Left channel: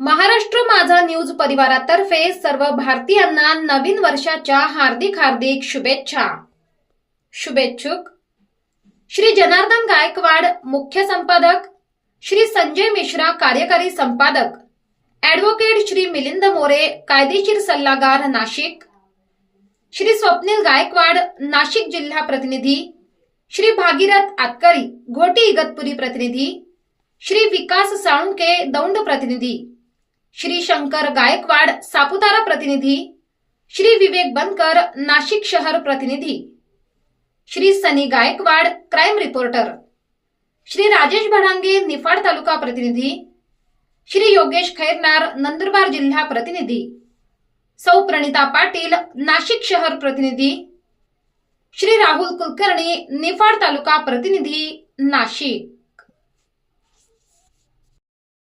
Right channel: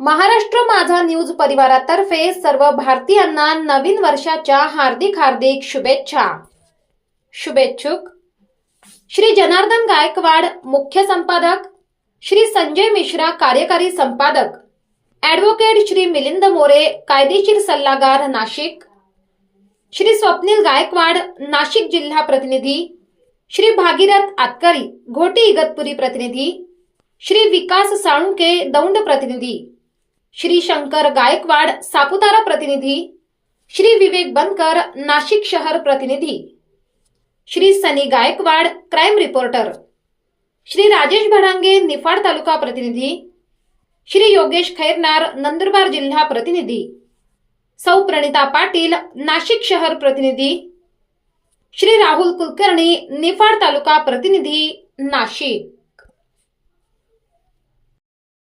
महाराष्ट्र माझा न्यूज परिवारातर्फे सर्व भारतीयांना नवीन वर्षाच्या हार्दिक हार्दिक शुभेच्छा. शुभेच्छुक. श्री जनार्दन गायकवाड मुख्य संपादक. श्री संजय मिश्रा कार्यकारी संपादक. ॲडव्होकेट श्री मिलिंद मोरे कायदेशीर सल्लागार नाशिक. श्री स्वप्नील गायकवाड नाशिक जिल्हा प्रतिनिधी. श्री भागीरथ आतकरी घोटी इगतपुरी प्रतिनिधी. श्री विकास साळुंके दौंड प्रतिनिधी. श्री शंकर गायकवाड सापुतारा प्रतिनिधी. श्री विवेक बनकर नाशिक शहर प्रतिनिधी. Shri Sunny Gaikwad crime reporter. Shri Rajesh Bhadange Niphad तालुका प्रतिनिधी. श्री योगेश खैरनार नंदुरबार जिल्हा प्रतिनिधी. सौ प्रणिता पाटील नाशिक शहर प्रतिनिधी. श्री राहुल कुलकर्णी निफाड तालुका प्रतिनिधी नाशिक.